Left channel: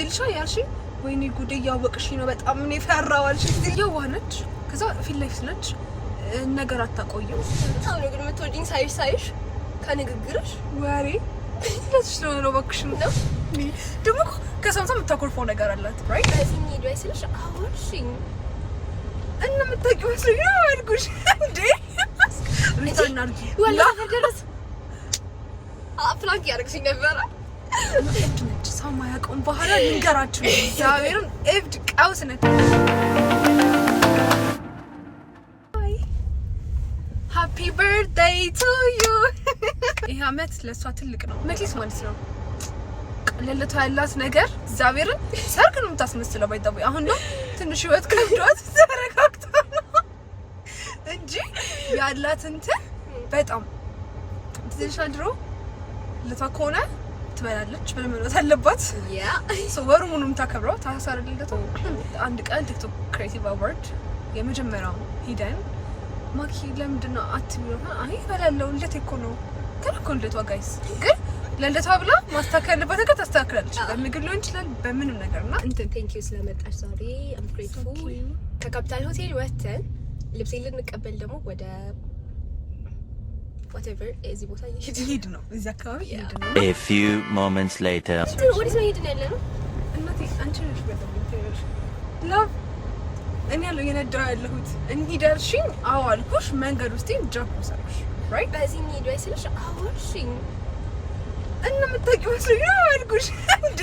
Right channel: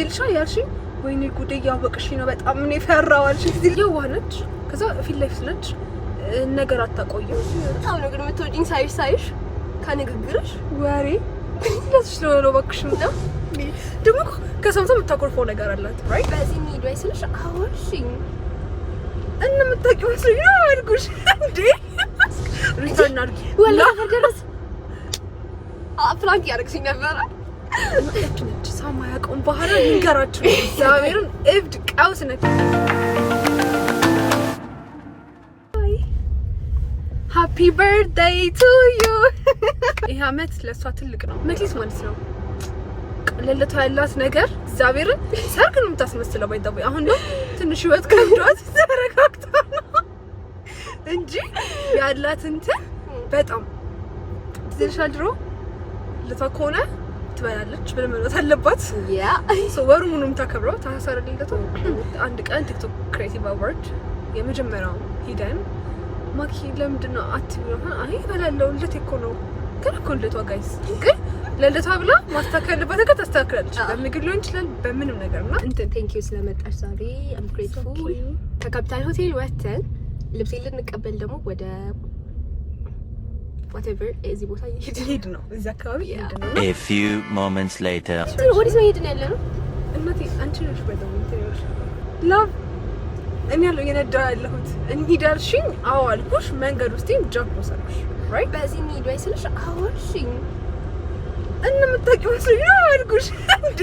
ትዝልሻ ያልሽኝ ወይኔ ጉዴ ያወቅሽኝ ነው በጣም ምን ፈራዋልሽ ትዝል የዋነች ከዛ ፊት ለፊት ነች ነገር አታቆይም በጣም ነው ግን የምትወጂኝ ሳይሽ ከንግግርሽ ወሬ ለዚህ ነው ባክሽም ነው ደግሞ ከሰምቶ የምታኮርፈው ነገር አላት ራይት እዚህ ኒድ ወይ ስልሽ አወርሽኝ እና የምታውቂው መስሎኝ ነው አልኩሽ እንዴ ሪተርን አድርጊ ወላ ፈርገረስ ፍላንክ ያደርግሽኝ ነበረ ነች ሰው ማያውቀውን ባህላ ልንገራችሁ እግዚአብሔርን እብድ ቀውስ ነች ሃፒ በርዝዴይ ቱ ዩ ይሄ አመት ለሷ ትልቅ ነው መክሊት ማለት ነው ለለቷ ያላት ነገር እግዚአብሔርን ሰርግ ነው የምታስመስለው ባይጣው አሁን ነው ትንሽ ህይወት ከብዷት ተረጋግታ ነው እንጂ ያላት እንትን በጣም ትንሽ ድሮ ለተኮነ ትበላለች ብለመለት አለባት ያ ሶ ወሩ ምንም ታከብረው ታሳረልለቱ አንድ ቀን ቲክቶክ ክሬቲቭ አዋርድ የመጀመሪያው ሂደን ማኪ ለምንድነው አትብሎ አይ በላለው ለቴ እኮ ነው ከረኮንለቷ ጋይስ ግን ለለቷ ብላ ማስተካከል በተከታ ታስተካክላለች በምግብ ሊሆን ይችላል በምንም ነገርና እንትን ቴንክ ዩ ስለመጣሽ ዛሬ አም ግሬትፉል ከካፒታል ሆቴል ወተን ልብስ ልንቀበል ደግሞ ወደ whatever እዚህ ቦታ ይሄድ ነው እዚህ አካባቢ ይሄድ ነው a few moments later ወዲህ ነው ይሄድን ያለ ነው እናቴ አንቺ ነሽ በደም እንትነሽ ላቭ እኔ ያለው የነዳው ያለሁት እንሂዳልሽኝ አዎ አልኩሽ መንገድ ውስጥ ጃክሮስ አልኩሽ ራይት በዚህ ኒድ ወይ ስልሽ አወርሽኝ እና የምታውቂው መስሎኝ ነው አልኩሽ እንዴ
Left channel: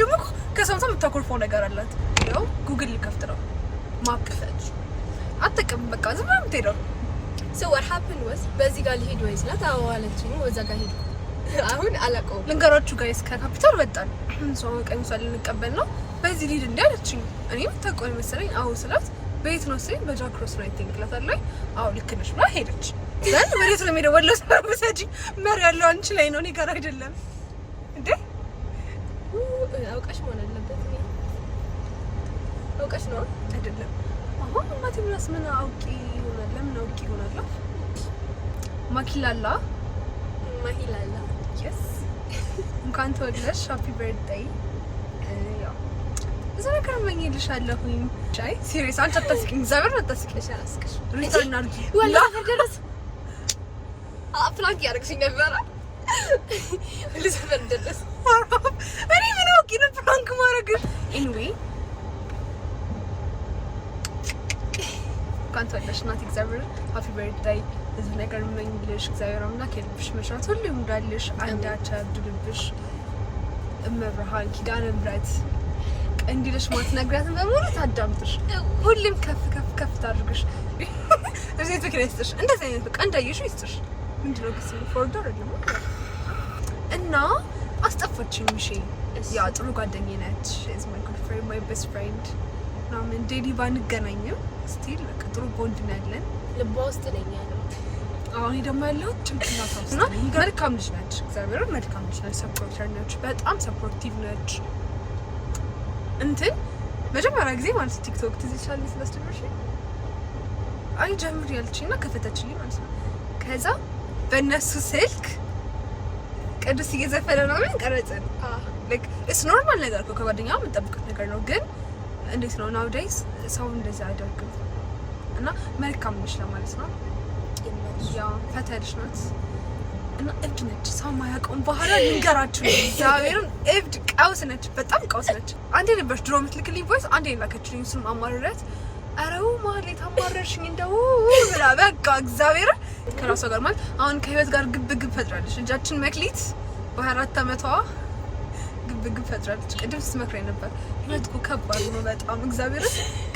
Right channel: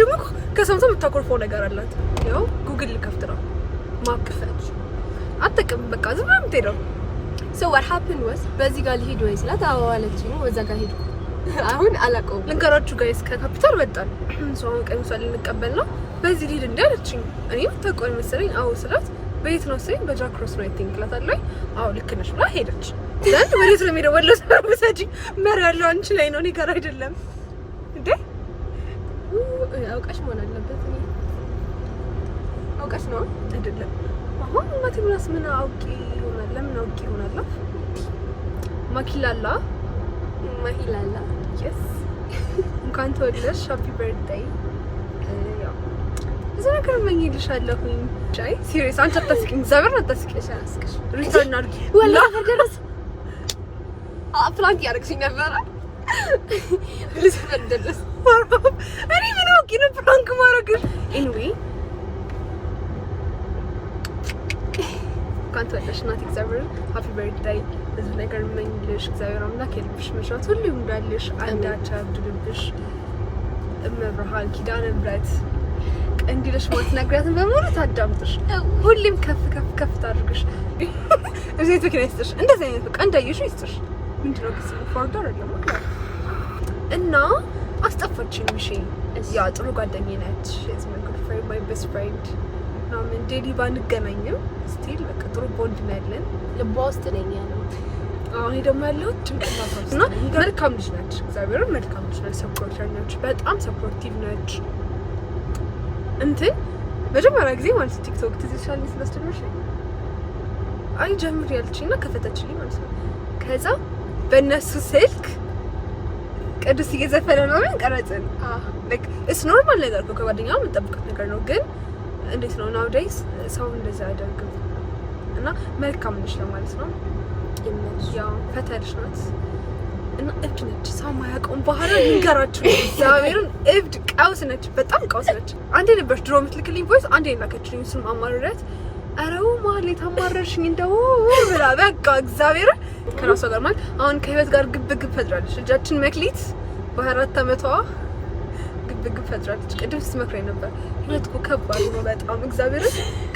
ደግሞ ከሰምቶ የምታኮርፈው ነገር አላት ያው ጉግል ልከፍት ነው ማፕ ከፈች አትጠቅም በቃ ዝም ብላ የምትሄደው so what happened was በዚህ ጋር ልሄድ ወይ ስላት አዎ አለችኝ ወዛ ጋር ሄድኩ አሁን አላውቀውም ልንገራችሁ ጋይስ ከካፒታል ወጣን ሰው ቀን ሰው ልንቀበል ነው በዚህ ልሄድ እንዳለችኝ እኔ ተቆይ መሰለኝ አዎ ስላት በየት ነው ሲል በጃክሮስ ነው ቲንክ ላታለኝ አዎ ልክ ነሽ ብላ ሄደች ዘንድ ወዴት ነው ሄደው ወሎ ሰው ወሰጂ መሪ ያለው አንቺ ላይ ነው እኔ ጋር አይደለም እንዴ አውቃሽ መሆን አለበት አውቃሽ ነው አይደለም አሁን ማቲ ብላስ ምን አውቂ ይሆናል ለምን አውቂ ይሆናል ማኪላላ yes እንኳን ተወለድሽ ሃፒ በርዝዴይ ያው እዚህ ነገር መኝልሻለሁኝ ቻይ ሲሪየስ አንተ ተስኪኝ ዘበር ተስኪሽ አላስከሽ ሪተርን አድርጊ ወላ ፈርገረስ ፍላንክ ያደርግሽኝ ነበረ ልሰፈር ደረስ እኔ ምን አውቂ ነው ፍላንክ ማድረግሽ anyway እንኳን ተወለድሽ እናቴ እግዚአብሔር ሃፒ በርዝዴይ እዚህ ነገር መኝልሽ እግዚአብሔር አምላክ የልብሽ መሻት ሁሉ እንዳልሽ አንዳች አብድልብሽ እመብርሃን ኪዳነ ምሕረት እንዲልሽ ማለት ነግራትን በሙሉ ታዳምጥሽ ሁሉም ከፍ ታድርግሽ እዚህ ትክክለሽ እንደዚህ አይነት በቃ እንዳይሽ ይስጥሽ ምንድነው ከስሙ ፎርደር አይደለም እና አስጠፋችኝ ምሽ ያ ጥሩ ጓደኛዬ ነች is my good friend my best friend ናምን ዴሊ ባንገናኝም ስቲል በቃ ጥሩ ቦንድ ነው ያለን ልቧ ውስጥ ነኝ ያለው አሁን ደግሞ ያለው ጭንቅላቷ እና መልካም ልጅ ነች እግዚአብሔር መልካም ልጅ ነች ሰፖርተር ነች በጣም ሰፖርቲቭ ነች እንትን መጀመሪያ ጊዜ ማለት ቲክቶክ ትዝቻለሽ ስለስተርሽ አይ ጀምር ያልችኝና ከፈተችልኝ ማለት ነው ከዛ በእነሱ ስልክ ቅዱስ እየዘፈነ ነው ምን ቀረጽን like it's normal ነገር እኮ ከጓደኛው የምጠብቀው ነገር ነው ግን እንዴት ነው nowadays ሰው እንደዛ አይደርግም እና መልካም ነች ለማለት ነው ያ ፈተልሽ ናት እና እብድ ነች ሰው ማያውቀውን ባህላ ልንገራችሁ እግዚአብሔርን እብድ ቀውስ ነች በጣም ቀውስ ነች አንዴ ነበር ድሮ የምትልክልኝ ቮይስ አንዴ ላከችልኝ እሱም አማርረት አረው ማለት አማርርሽኝ እንደው ብላ በቃ እግዚአብሔር ከራሷ ጋር ማለት አሁን ከህይወት ጋር ግብ ፈጥራለች እጃችን መክሊት በ4 አመቷ ግብ ፈጥራለች ቅድም ስትመክረኝ ነበር ህይወት እኮ ከባድ ነው በጣም እግዚአብሔር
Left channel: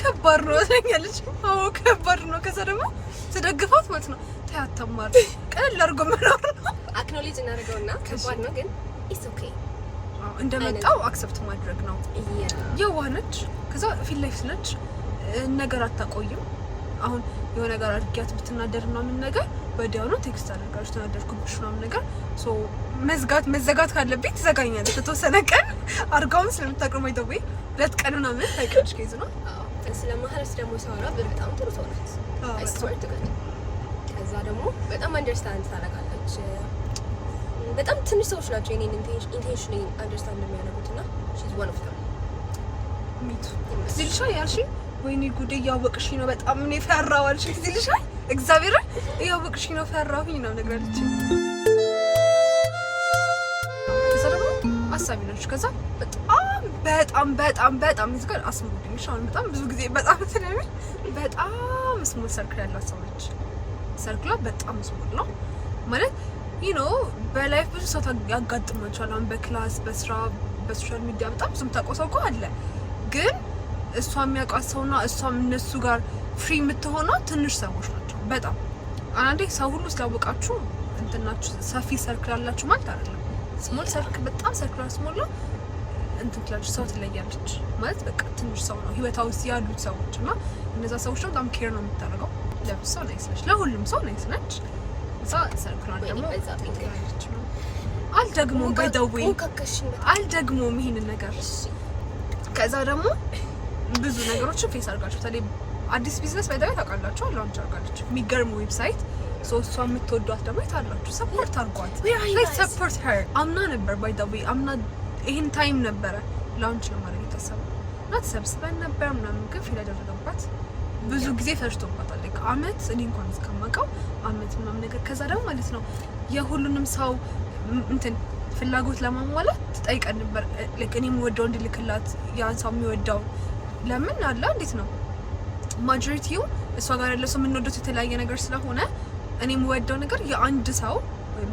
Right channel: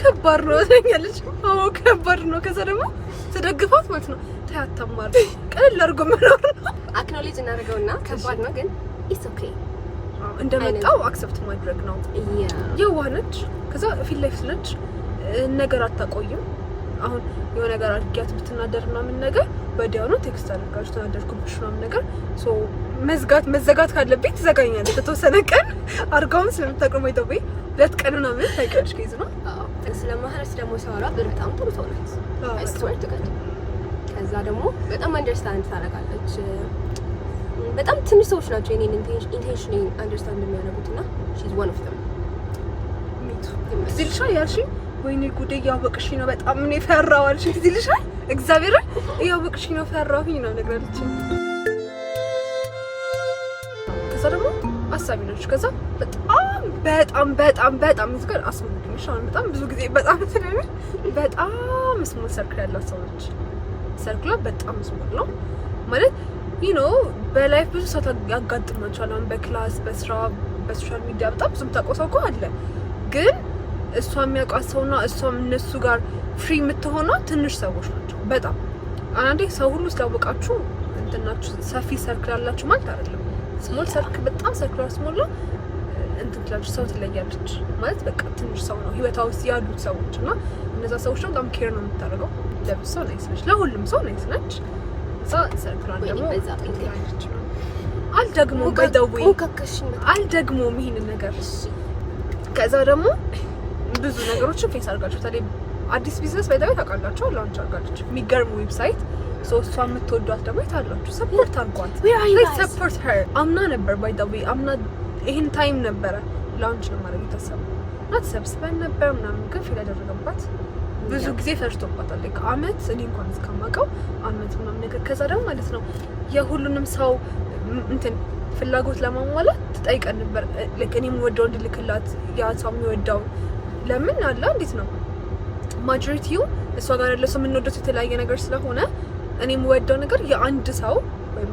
ከባድ ነው ትኛለች አዎ ከባድ ነው ከዛ ደግሞ ተደግፋት ማለት ነው ታያተማር ቀለል አድርጎ መኖር ነው አክኖሌጅ እናደርገውና ከባድ ነው ግን ኢትስ ኦኬ እንደመጣው አክሰፕት ማድረግ ነው የዋነች ከዛ ፊት ለፊት ነች ነገር አታቆይም አሁን የሆነ ነገር አድርጊያት ብትናደርና ምን ነገር ወዲያው ነው ቴክስት አድርጋሽ ተናደርኩብሽ ነው ነገር ሶ መዘጋት ካለብኝ ትዘጋኛለች ተተወሰነ ቀን አርጋውን ስለምታቀመው ይተውይ 2 ቀን እና ምን ታይቀርሽ ከይዝ ነው ስለማህረስ ደግሞ ሰዋራ በጣም ጥሩ ሰው ናት አይስወር ተቀጥ ከዛ ደግሞ በጣም አንደርስታንድ ታደርጋለች በጣም ትንሽ ሰዎች ናቸው የኔን ኢንቴንሽን አንደርስታንድ የሚያደርጉት እና she's one of them ሚቱ ዝልሻ ያልሽኝ ወይኔ ጉዴ እያወቅሽ ነው በጣም ምን ፈራው አልሽ ዝልሻ እግዚአብሔር እያወቅሽ ነው ፈራሁኝ ነው ነገርልኝ ከዛ ደግሞ አሳቢ ነች ከዛ በጣም እዚህ አስሙልኝ ሻውን በጣም ብዙ ጊዜ በጣም ስለምን በጣም ስሞል ሰርክል ያላት ሰው ነች ሰርክሏ በጣም ስሞል ነው ማለት በላይፍ ብዙ ሰው ያጋጥማቸዋል አሁን በክላስ በስራ በሶሻል ሚዲያ በጣም ብዙ ተቆሰው አለ ግን እሷ የሚያውቃት ሰውና እሷም እነሱ ጋር ፍሪ የምትሆነው ትንሽ ሰዎች ናቸው በጣም አንዴ ሰው ሁሉ ስላወቃችሁ እንትናችሁ ሰፊ ሰርክል ያላችሁ ማለት አይደለም ስሞል ሰርክል በጣም ሰርክል ስሞል ነው እንትላችሁ ሰው ትለያለች ማለት በቃ ትንሽ ሰው ነው ህይወቷ ውስጥ ያሉት ሰዎች እና እነዛ ሰዎች ነው በጣም ኬር ነው የምታደርገው ለብዙ ሰው ናይስ ነች ለሁሉም ሰው ናይስ ነች ሰርክሏን ደግሞ አልደግሞም ባይደውይ አልደግሞም ይሄንን ነገር ከዛ ደግሞ ብዙ ነገሮችን ፌስ አድርጋችሁ ታዲያ አዲስ ቢዝነስ ባይደውይ ታውቃላችሁ ላንች አድርጋችሁ የሚገርም ዌብሳይት ሶስቷ የምትወዷት ደግሞ ታላችሁ ሰፖርት አድርጓት ሰፖርት ሄር አምና ነበር ባይደውይ አምና ይሄን ታይም ነበረ ላንች ነው ማለት የታሰበው ተሰብስበን ነበር ምናምን ግን ፊል ያደረገባት ብዙ ጊዜ ፈርቶባታል አመት እኔ እንኳን እስከማውቀው አመት ምናምን ነገር ከዛ ደግሞ ማለት ነው የሁሉንም ሰው እንትን ፍላጎት ለማሟላት ትጠይቀን ነበር እኔም ወደው እንድልክላት ያ ሰው የሚወዳው ለምን አለ እንዴት ነው ማጆሪቲው እሷ ጋር ያለው ሰው የምንወደው የተለያየ ነገር ስለሆነ እኔም ወደው ነገር የአንድ ሰው ወይም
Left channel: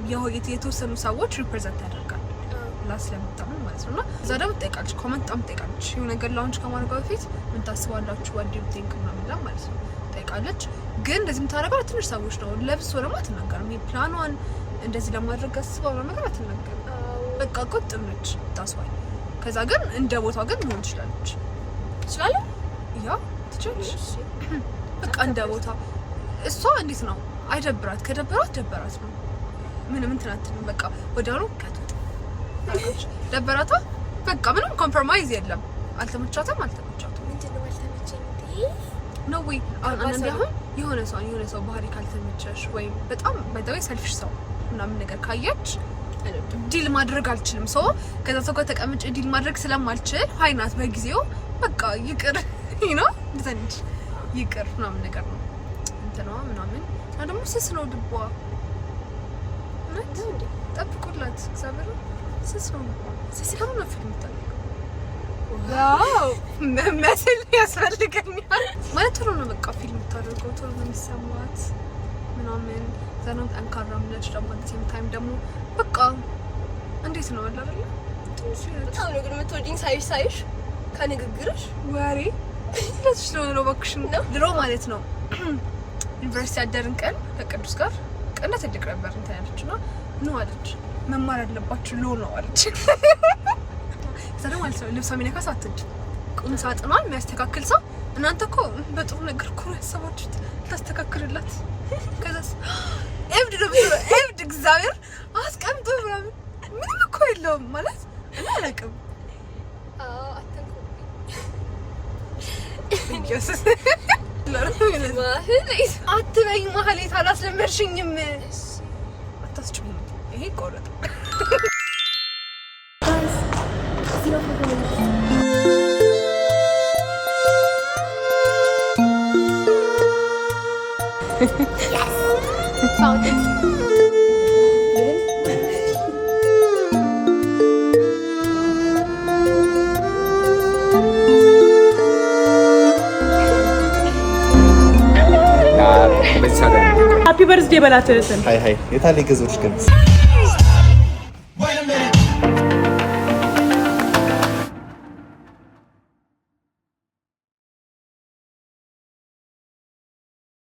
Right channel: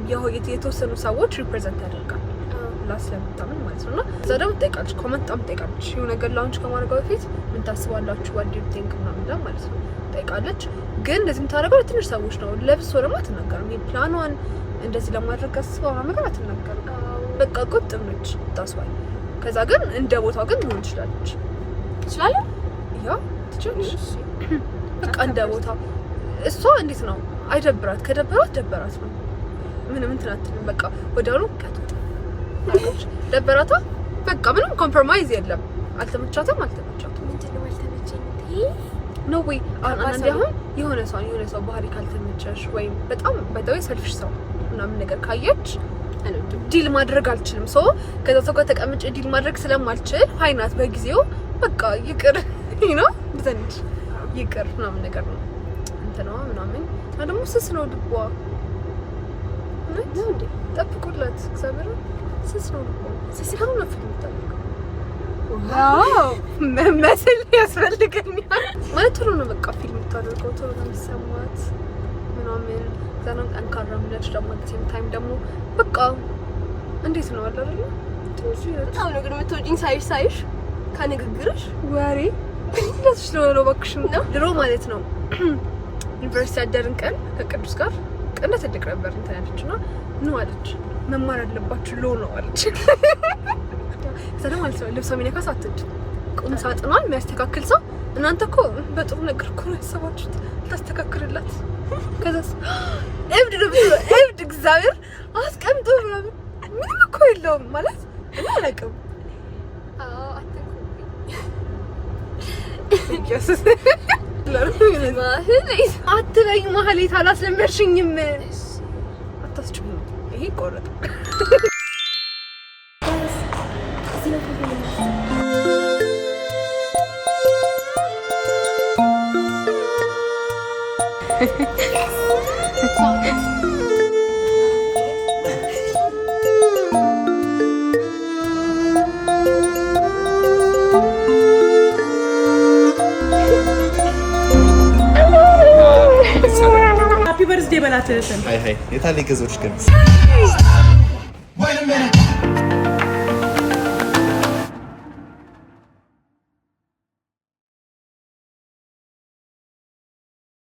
የተወሰኑ ሰዎች ሪፕሬዘንት ያደርጋል ላስለምጣምን ማለት ነውና እዛ ደግሞ ትጠይቃለች ኮሜንት ጣም ትጠይቃለች የሆነ ነገር ላውንች ከማድረግ በፊት ምን ታስባላችሁ what do you think ምናምን ማለት ነው ትጠይቃለች ግን እንደዚህ የምታደርገው ትንሽ ሰዎች ነው ለብሶ ደግሞ አትናገርም ፕላኗን እንደዚህ ለማድረግ አስባው ነገር አትናገርም በቃ ቁጥብ ነች ታስዋይ ከዛ ግን እንደ ቦታው ግን ምን ትችላለች ያ ትችላለች በቃ እንደ ቦታው እሷ እንዴት ነው አይደብራት ከደበራት ደበራት ነው ምንም እንትን አትልም በቃ ወደሩ ከቶት ደበራታ በቃ ምንም ኮምፕሮማይዝ የለም አልተመቻትም ምንድነው አልተመቸኝ ነው ወይ አንዴ አሁን የሆነ ሰው ባህሪ ካልተመቸሽ ወይም በጣም ባይደው ሰልፍሽ ሰው ምናምን ነገር ካየች ዲል ማድረግ አልችልም ሰው ከዛ ሰው ጋር ተቀምጬ ዲል ማድረግ ስለማልችል ሃይናት በጊዜው በቃ ይቅር ዘንድ ይቅር ምናምን ነገር ነው እንትነዋ ምናምን ደግሞ ስስ ነው ድቧ እንዴ ጠብቁላት እግዚአብሔር ስስ ነው ድቧ ስስ ነው ፊልም ታውቃለህ ዋው መመሰል ያስፈልገኛል ማለት ቶሎ ነው በቃ ፊልም ታደርገው ቶሎ ነው የሚሰማት ምናምን ዘናም አንካራም ለሽ ደግሞ በሴም ታይም ደግሞ በቃ እንዴት ነው አይደል ትንሽ በጣም ነው ግን የምትወጂኝ ሳይሽ ከንግግርሽ ወሬ ለሽ ነው ባክሽና ድሮ ማለት ነው ዩኒቨርሲቲ አደርን ቀን ከቅዱስ ጋር ቀንተ ትልቅ ነበር እንትን ያለችና ነው አለች መማር ያለባችሁ ሎ ነው አለች ሰላም አልሰው ልብስ የሚነካስ አትድ ቁም ሳጥኗን የሚያስተካክል ሰው እናንተ እኮ በጥሩ ነገር እኮ ያሰባችሁት ታስተካክሉላት ከዛስ እብድ እግዚአብሔር አስቀምጦ ምንም እኮ የለውም ማለት እኔ አላውቅም ኢየሱስ አትበይኝ ማህሌት አላስለመድሽኝም አታስችኝ ይሄ ቆረጥ Found it. Happy birthday, Balatesan. Hi. Yeterli kız hoş geldin.